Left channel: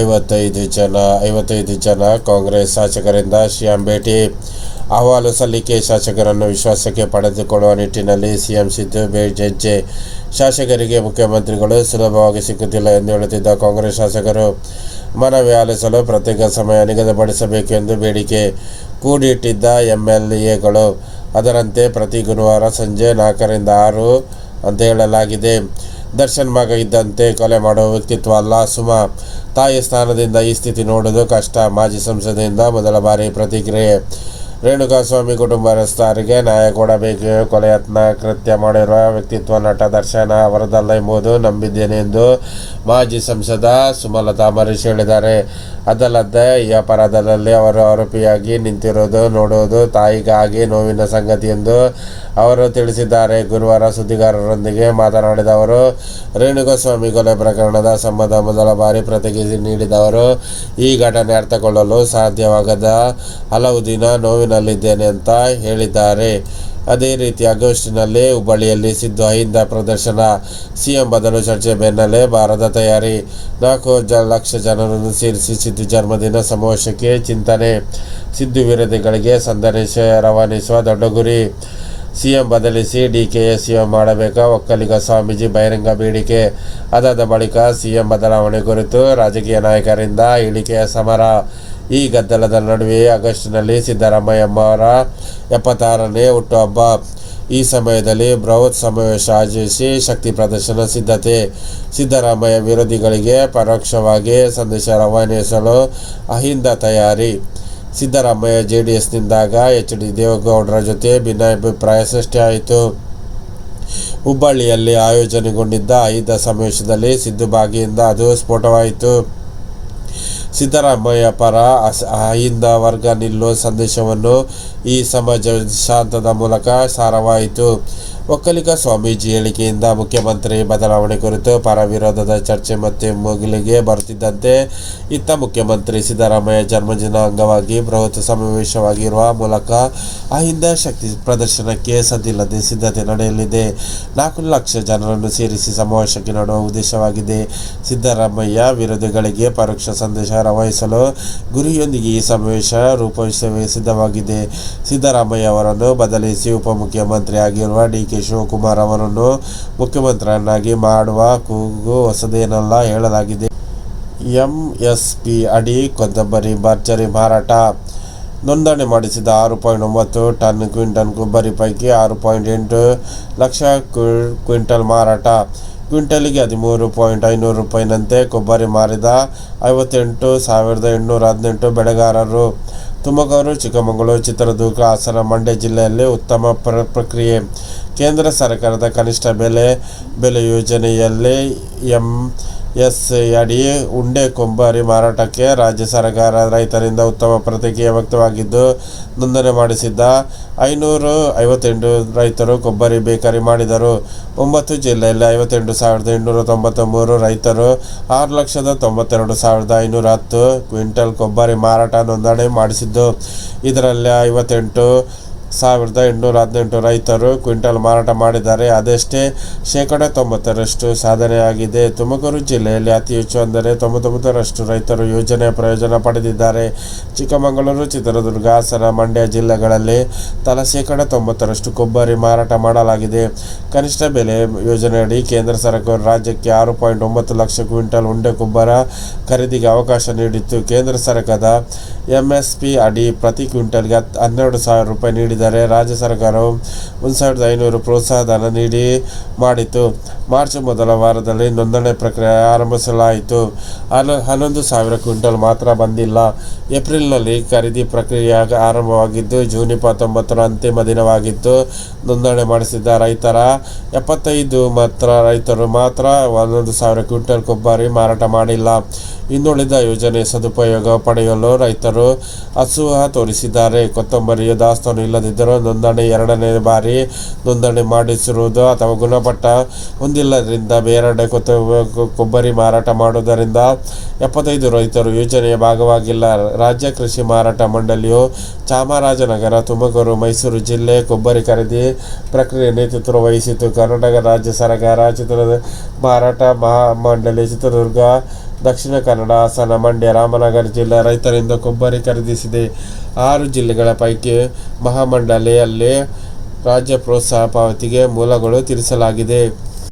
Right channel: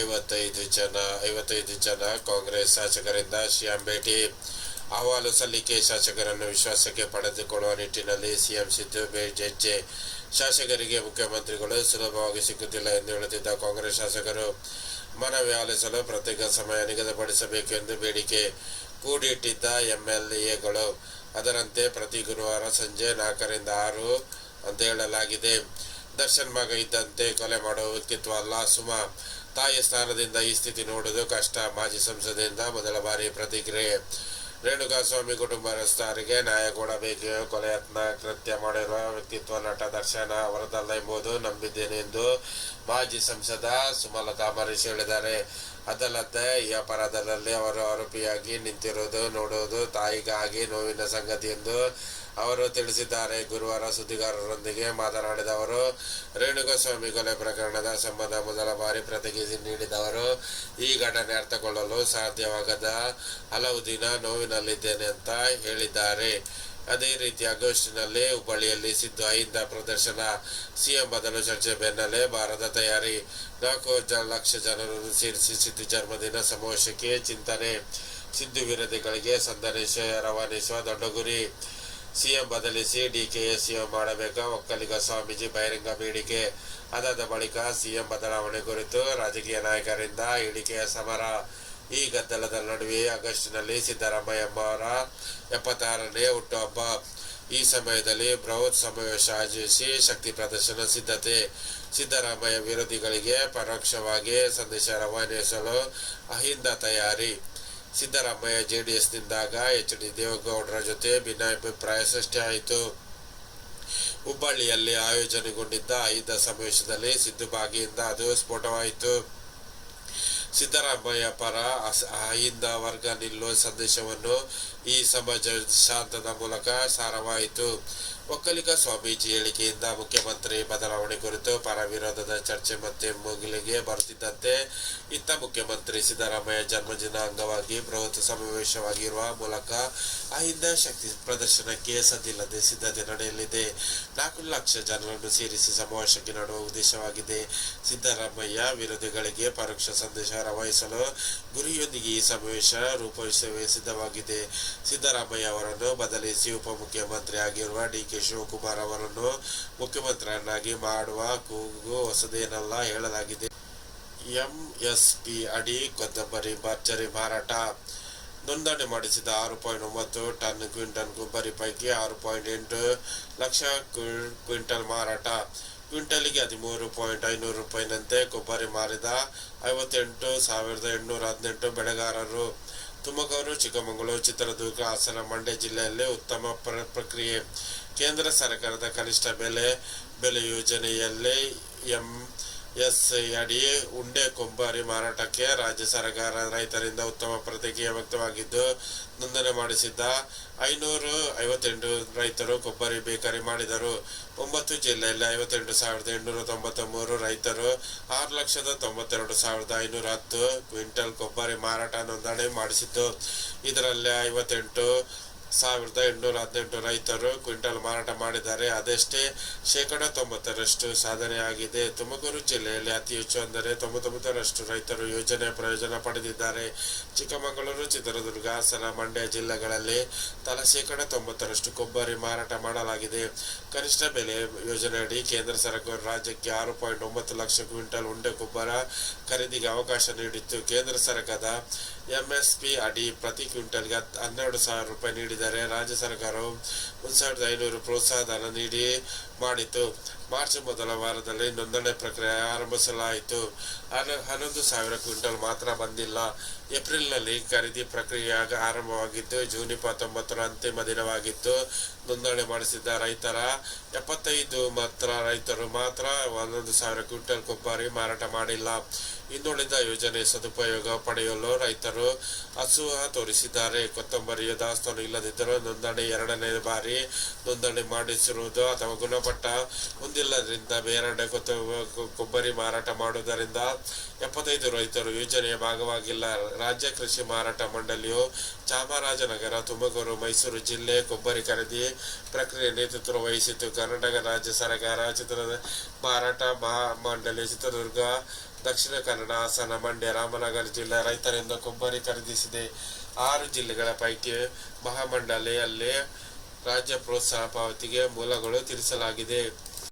ಐವತ್ತೈದು ಜನ ಐವತ್ತೈದು ಜನ ಕಾಂಗ್ರೆಸ್ ಶಾಸಕರಿಂದ ಸಿಎಂ ಭೇಟಿ. ಅಹವಾಲು ಸಲ್ಲಿಕೆ, ಶಾಸಕರನ್ನು ವಿಶ್ವಾಸಕ್ಕೆ ಪಡೆದುಕೊಳ್ಳುವ ನಿಟ್ಟಿನಲ್ಲಿ ಸಿಎಂ ಸಿದ್ದು ಹೆಜ್ಜೆ ಶಾಸಕರಿಗೆ ಮುಖ್ಯಮಂತ್ರಿಗಳು ಸುಲಭವಾಗಿ ಸಿಕ್ಕುತ್ತಿಲ್ಲ ಎಂದು ಹೇಳುತ್ತಿದ್ದ ಕಾಂಗ್ರೆಸ್ ಶಾಸಕರು, ಮನವಿ ಆಲಿಸಲು ಪ್ರತ್ಯೇಕ ಸಮಯ ನಿಗದಿಪಡಿಸಬೇಕೆಂದು ಬೇಡಿಕೆ ಕೂಡಿಟ್ಟಿದ್ದ ಎಂಎಲ್ಎಗಳು. ಅದರಂತೆ ಪ್ರತಿ ಗುರುವಾರ ಸಂಜೆ ನಾಲ್ಕರಿಂದ ಆರು ಅಂತ ಹೇಳಲಾಗಿದೆ. ದರ್ಶನ್ ಮಗ ಇದ್ದಂತೆ ಕೊಲೆ ಮಾಡುವ ವ್ಯಕ್ತಿತ್ವ ಅಲ್ಲ ಸುಮಾ. ತಾಯಿ ಸ್ಥಾನದಿಂದ ಈ ಸ್ಥಿತಿ ನೋಡುವುದು ಕಷ್ಟ. ಮಾಜಿ ಸಂಸದೆಯಿಂದ ಮೊದಲ ಬಾರಿ ಪ್ರತಿಕ್ರಿಯೆ. ರೇಣುಕಾಸ್ವಾಮಿ ಕುಟುಂಬಸ್ಥರಿಗೆ ನ್ಯಾಯ ಕೊಡಬೇಕು. ಕೊಲೆಯತ್ನ ಕೃತ್ಯ ಮಾಡಿರುವ ವ್ಯಕ್ತಿತ್ವ ನಟ ದರ್ಶನ ಅವರದಲ್ಲ ಎಂಬುದು ನಂಬಿದ್ದೇನೆ ಎಂದು ಮಾಜಿ ಸಂಸದ ಸುಮಲತಾ ಮರೀಶ್ ಹೇಳಿದ್ದಾರೆ. ಅದಲ್ಲದೆ ಈ ಅಪರಾಧದಲ್ಲಿ ಅವರು ಆರೋಪಿಯಾಗಿ ನಿಂತಿರುವುದು ನೋಡುವುದು ತಾಯಿಗಾಗಿ ನೋವಿನ ಸಂಗತಿ ಎಂದು ಅವರು ತಿಳಿಸಿದ್ದಾರೆ. ಗುರುವಾರ ಸುದ್ದಿಗಾರರೊಂದಿಗೆ ಮಾತನಾಡಿದ ಅವರು, ರೇಣುಗೋಸ್ವಾಮಿ ಕೊಲೆ ಪ್ರಕರಣದ ಸಂಬಂಧ ಮೊದಲ ಬಾರಿ ಪ್ರತಿಕ್ರಿಯೆ ನೀಡಿದವರು, ಈ ಘಟನೆ ಅರ್ಥಕೊಳ್ಳಲು ಸಾಧ್ಯವಾಗದ ಹಲವು ದಿನ ನೋವಿನಲ್ಲಿದ್ದೇನೆ ಅಂತ ಹೇಳಿದ್ದಾರೆ. ಅದೇ ರೀತಿ ಆಗಸ್ಟ್ನಲ್ಲಿ ಹುಬ್ಬಳ್ಳಿಯಲ್ಲಿ ಸಿದ್ದು ಅಹಿಂದ ಪ್ರದರ್ಶನ. ಸಿಎಂ ಬದಲು ಚರ್ಚೆ ಬೆನ್ನಲ್ಲೇ ಭಾರತ ತಯಾರಿ. ನಾಲ್ಕು ಲಕ್ಷ ಜನರನ್ನು ಸೇರಿಸಿ ಸಿದ್ದು ಜನ್ಮದಿನ ಸಮಾವೇಶಕ್ಕೆ ಚಿಂತನೆ. ಸಿದ್ದು ವಿರೋಧಿಗಳಿಗೆ ಸಂದೇಶ ರವಾನಿಸುವ ದೊಡ್ಡ ಗುರಿ ಸಿಎಂ ಬದಲಿಸಿ ಡಿ ಡಿಕೆಎ ಸಿಎಂ ಮಾಡಬೇಕಾ? ಒಕ್ಕಲಿಗ ಸ್ವಾಮೀಜಿ ಬಹಿರಂಗ ಬೇಡಿಕೆ. ಅದಾದ ಬಳಿಕ ಸಿಎಂ ಬದಲಾವಣೆ ಕುರಿತು ರಾಜಕೀಯ ನಾಯಕರಿಂದ ಇಳಿಕೆಯ ಸಮರ. ಈ ಗದ್ದಲದ ನಡುವೆ ಆಗಸ್ಟ್ನಲ್ಲಿ ಸಿದ್ದರಾಮಯ್ಯ ಅವರ ಎಪ್ಪತ್ತಾರನೇ ಹುಟ್ಟುಹಬ್ಬ. ಈ ಸಮಯದಲ್ಲಿ ಬೃಹತ್ ಸಮಾವೇಶ ಆಯೋಜಿಸಿ ಶಕ್ತಿ ಪ್ರದರ್ಶನ ಸಿದ್ಧತೆ. ಸಿದ್ದರಾಮಯ್ಯ ವಿರೋಧಿಗಳಿಗೆ ಪರೋಕ್ಷವಾಗಿ ಸಂದೇಶ ರವಾನಿಸಲು ಅಹಿಂದ ತಯಾರಿ. ಸಿದ್ದರಾಮಯ್ಯ ಜೆ ಡಿ ಎಸ್ನಿಂದಾಗ ಎಚ್ ಡಿ ದೇವೇಗೌಡರ ಜೊತೆ ಭಿನ್ನಾಭಿಪ್ರಾಯ ಸೃಷ್ಟಿಯಾಯಿತು ಹುಬ್ಬಳ್ಳಿಯಲ್ಲಿ ಆಯೋಜನೆಗೊಂಡಿದ್ದ ಐದ ಸಮಾವೇಶದಲ್ಲಿ ಸಿದ್ದು ಭಾಗಿಯಿಂದ ಅದು ಸ್ಫೋಟವಾಯಿತು. ಸಿದ್ದರಾಮಯ್ಯ ಪರ ಅಹಿಂದ ವರ್ಗ ನಿಲ್ಲುವ ಸಂದೇಶವನ್ನು ಈ ಸಮಾಜ ಶಾಂತದ ಮೂಲಕ ಸಾರವಾಯಿತು. ಒಕ್ಕಲಿಗ ಸ್ವಾಮೀಜಿ ಹೇಳಿಕೆಯಿಂದ ಮುಖ್ಯಮಂತ್ರಿ ಬದಲಾವಣೆ ಕುರಿತು ಪರ ವಿರೋಧದ ಚರ್ಚೆ ಮತ್ತೆ ಮುಗಿಲಿಗೆ ಬರುತ್ತಿದ್ದಂತೆ ಇತ್ತ ಮುಖ್ಯಮಂತ್ರಿ ಸಿದ್ದರಾಮಯ್ಯ ಜನ್ಮದಿನ ಅಂಗವಾಗಿ ಬೃಹತ್ ಸಮಾವೇಶವಾಗಿರುವ ಮೂಲಕ ಅಹಿಂದ ಶಕ್ತಿ ಪ್ರದರ್ಶನಕ್ಕೆ ಸದ್ದಿಲ್ಲದೆ ಸಿದ್ಧತೆ ನಡೆಯಲಿದೆ. ನಾಲ್ಕು ಲಕ್ಷ ಜನರನ್ನು ಸೇರಿಸಿ ಸಮಾವೇಶಕ್ಕೆ ನಡುವ ಉದ್ದೇಶವಾಗಿದೆ. ಸಿದ್ದರಾಮಯ್ಯ ವಿರೋಧಿಗಳಿಗೆ ಪರೋಕ್ಷ ಸಂದೇಶ ರವಾನಿಸಲು ಗುರಿಯೊಂದಿಗೆ ಈ ಸಮಾವೇಶ ರೂಪಿಸುವ ಸಿದ್ಧವಾಗಿದೆ. ಸಿದ್ದರಾಮಯ್ಯ ಅವರನ್ನು ಬದಲಿಸಿ ಉಪಮುಖ್ಯಮಂತ್ರಿ ಆಗಿರುವ ಡಿ ಕೆ ಶಿವಕುಮಾರ್ ಅವರನ್ನು ಮುಖ್ಯಮಂತ್ರಿಯನ್ನಾಗಿ ಮಾಡುವ ಕೂಗು ಹೊಸದೇನಲ್ಲ ಹೇಳಲಾಗಿದೆ. ಎಂಎಸ್ಪಿ ಅಡಿ ಕೊತ್ತಂಬರಿ ಭರ್ಜರಿ ಮಾರಾಟ. ನೋಂದಣಿ ಮಾಡಿಸಿದ ಆರು ಪಾಯಿಂಟ್ ಒಂಬತ್ತು ಟನ್ ಕ್ವಿಂಟಲ್ ಕೊಬ್ಬರಿ ಪೈಕಿ ಆರು ಪಾಯಿಂಟ್ ಎಂಟು ಲಕ್ಷ ಕ್ವಿಂಟಲ್ ಮಾರಾಟ. ಕ್ವಿಂಟಲಿಗೆ ಹದಿಮೂರು ಪಾಯಿಂಟ್ ಐನೂರು ರೂಪಾಯಿನಂತೆ ಕೊಬ್ಬರಿ ಮಾರಿದ ಐವತ್ತೆಂಟು ಸಾವಿರದ ಎಂಟುನೂರ ಹದಿನೆಂಟು ಬೆಳೆಗಾರರು. ತುಮಕೂರು, ಚಿಕ್ಕಮಗಳೂರು, ಚಿತ್ರದುರ್ಗ, ಹಾಸನ, ಮಂಡ್ಯ ಜಿಲ್ಲೆಯಲ್ಲಿ ಉತ್ತಮ ಪ್ರ, ಪ್ರಕ್ರಿಯೆ. ಕೇಂದ್ರ ಸರ್ಕಾರದ ಕನಿಷ್ಠ ಬೆಲೆ ಬೆಲೆ ಯೋಜನೆಯಲ್ಲಿ ಎಂ ಎಸ್ ಅಡಿ ಉಂಡೆ ಕೊಬ್ಬರಿ ಮಾರಾಟಕ್ಕೆ ರಾಜ್ಯ ಸರ್ಕಾರ ರೈತರಿಂದ ಉತ್ತಮ ಪ್ರತಿಕ್ರಿಯೆ ವ್ಯಕ್ತವಾಗಿದ್ದು, ನೋಂದಣಿ ಮಾಡಿಸಿದ್ದ ಐನೂರು ಐವತ್ತೆಂಟು ರೈತರು ಕೊಬ್ಬರಿ ಬೇಕರಿ ಮಾಡಿದರು. ಒಂಬತ್ತು ಜಿಲ್ಲೆಯಲ್ಲಿ ಐವತ್ತೆಂಟು ಸಾವಿರದ ಎಂಟುನೂರ ತೊಂಬತ್ತ ಮೂರು ರೈತರು ಆರು ಲಕ್ಷದ ತೊಂಬತ್ತೆರಡು ಸಾವಿರದ ಐನೂರ ಹತ್ತು ಕ್ವಿಂಟಲ್ ಕೊಬ್ಬರಿ ಮಾರಾಟ ನೋಂದಣಿ ಮಾಡಿಸಿದ್ದು. ಇದರಲ್ಲಿ ಐವತ್ತೆಂಟು ಸಾವಿರದ ಎಂಟುನೂರ ಹದಿನೆಂಟು ರೈತರು ಕ್ವಿಂಟಲ್ ಮಾರಾಟ ಮಾಡಿದ್ದಾರೆ. ಅದಷ್ಟೇ ಶೇಕಡ ತೊಂಬತ್ತರಷ್ಟು ಸಾಧನೆಯಾಗಿದೆ. ತುಮಕೂರು ಜಿಲ್ಲೆಯಲ್ಲಿ ಅತಿ ಹೆಚ್ಚು ಅಂದರೆ ತೊಂಬತ್ತೊಂಬತ್ತರಷ್ಟು ರೈತರು ಯೋಜನೆಯ ಪ್ರಯೋಜನ ಪಡೆದಿದ್ದಾರೆ. ಚಿಕ್ಕಮಗಳೂರು, ಚಿತ್ರದುರ್ಗ, ಹಾಸನ, ಮಂಡ್ಯ ಜಿಲ್ಲೆಗಳಲ್ಲಿ ತಲಾ ಶೇಕಡ ತೊಂಬತ್ತರಷ್ಟು ಕೊಬ್ಬರಿ ಮಾರಾಟ ಮಾಡಲಾಗಿದೆ. ಕನಿಷ್ಠ ಬೆಲೆ ಯೋಜನೆಯಡಿ ಕೇಂದ್ರ ಸರ್ಕಾರ ರಾಜ್ಯಕ್ಕೆ ಆರು ಪಾಯಿಂಟ್ ಒಂಬತ್ತು ಲಕ್ಷ ಕ್ವಿಂಟಲ್ ಉಂಡೆ ಕೊಬ್ಬರ ಖರೀದಿಗೆ ಅವಕಾಶ ನೀಡಿತ್ತು. ಕೇಂದ್ರ ಸರ್ಕಾರದ ಎಂಎಸ್ಪಿ ಅಡಿ ಪ್ರತಿ ಕ್ವಿಂಟಲ್ಗೆ ಹತ್ತು ಹನ್ನೆರಡು ಸಾವಿರ ರೂಪಾಯಿ ನೀಡಿದರೆ ರಾಜ್ಯ ಸರ್ಕಾರವು ಒಂದು ಸಾವಿರದ ಐನೂರು ಪ್ರೋತ್ಸಾಹಧನ ನೀಡಿ ಮಾಡಿತು ಮಾರ್ಚ್ ಮೊದಲ ವಾರದಲ್ಲಿ ನೋಂದಣಿ ಪ್ರಕ್ರಿಯೆ ಆರಂಭಿಸಲಾಯಿತು. ಹನ, ಹನ್ನೊಂದು ಸಾವಿರ ಕ್ವಿಂಟಲ್ ಮಾತ್ರ ಬಂದಿಲ್ಲ. ಏಪ್ರಿಲ್ನಲ್ಲಿ ಖರೀದಿ ಪ್ರಕ್ರಿಯೆ ಆರಂಭವಾಗಿದ್ದು, ಜೂನ್ ಇಪ್ಪತ್ತೊಂಬತ್ತರ ಅಂತಿಮ ದಿನವಾಗಿತ್ತು ನೋಂದಣಿ ಮಾಡಿಸಿದ್ದ ರೈತರ ಎಪ್ಪತ್ತೈದು ಮಾತ್ರ, ರೈತರು ಮಾತ್ರ ಒಂದೊಂದು ಸಾವಿರ ಕ್ವಿಂಟಲ್ ಕೊಬ್ಬರಿ ಮಾರಾಟ ಮಾಡಿಲ್ಲ. ಇನ್ನುಳಿದ ಯೋಜನೆ ಸದುಪಯೋಗ ಪಡೆಯಲು ರೈತರು ಅಸೂಹ ತೋರಿಸಿದ್ದಾರೆ. ಕೊತ್ತಂಬರಿಯ ದಾಸ್ತಾನು ಇಲ್ಲದಿದ್ದರೂ ನೋಂದಣಿ ಎರಡನೇ ಬಾರಿ ನೋಂದಣಿ ಮಾಡಿಸಿರುವುದು ಅಥವಾ ಗುಣಮಟ್ಟ ಹೊಂದಿಲ್ಲದರಿಂದ ಬೇರೆಡೆ ಕೊತ್ತ ಕೊಬ್ಬರಿ ಮಾರಾಟ ಮಾಡುವುದರಿಂದ ಎಪ್ಪತ್ತೈದು ರೈತರು ಯೋಜನೆಯ ಭಾಗವಾಗಿಲ್ಲ. ರಾಜ್ಯ ಕೃಷಿ ಮಾರಾಟ ಮಂಡಳಿಯು ಚಾಮರಾಜನಗರ, ತುಮಕೂರು, ಮೈಸೂರು ಜಿಲ್ಲೆ ಕೊಬ್ಬರಿ ಖರೀದಿ ಪ್ರಕ್ರಿಯೆ ನೇತೃತ್ವ ವಹಿಸಿತು ಕರ್ನಾಟಕ ರಾಜ್ಯ ಸರ್ಕಾರ ಚಿತ್ರದುರ್ಗ ಮಾರಾಟ ಮಹಾ ಮಂಡಳಿ ಚಿತ್ರದುರ್ಗ ದಕ್ಷಿಣ ಕನ್ನಡ, ಹಾಸನ, ಮಂಡ್ಯ, ರಾಮನಗರ ಜಿಲ್ಲೆ ರೈತರಿಂದ ಕೊಬ್ಬರಿ ಖರೀದಿಸಿದೆ. ಆರು ಜಿಲ್ಲೆಗಳ ಪೈಕಿ ಮಹಾಮಂಡಳಿಯಲ್ಲಿ ರಾಜ್ಯ ಪ್ರೋತ್ಸಾಹ ಪಾವತಿಗೆ ಮೂಲಗಳು ತಿಳಿಸಲಾಗಿದೆ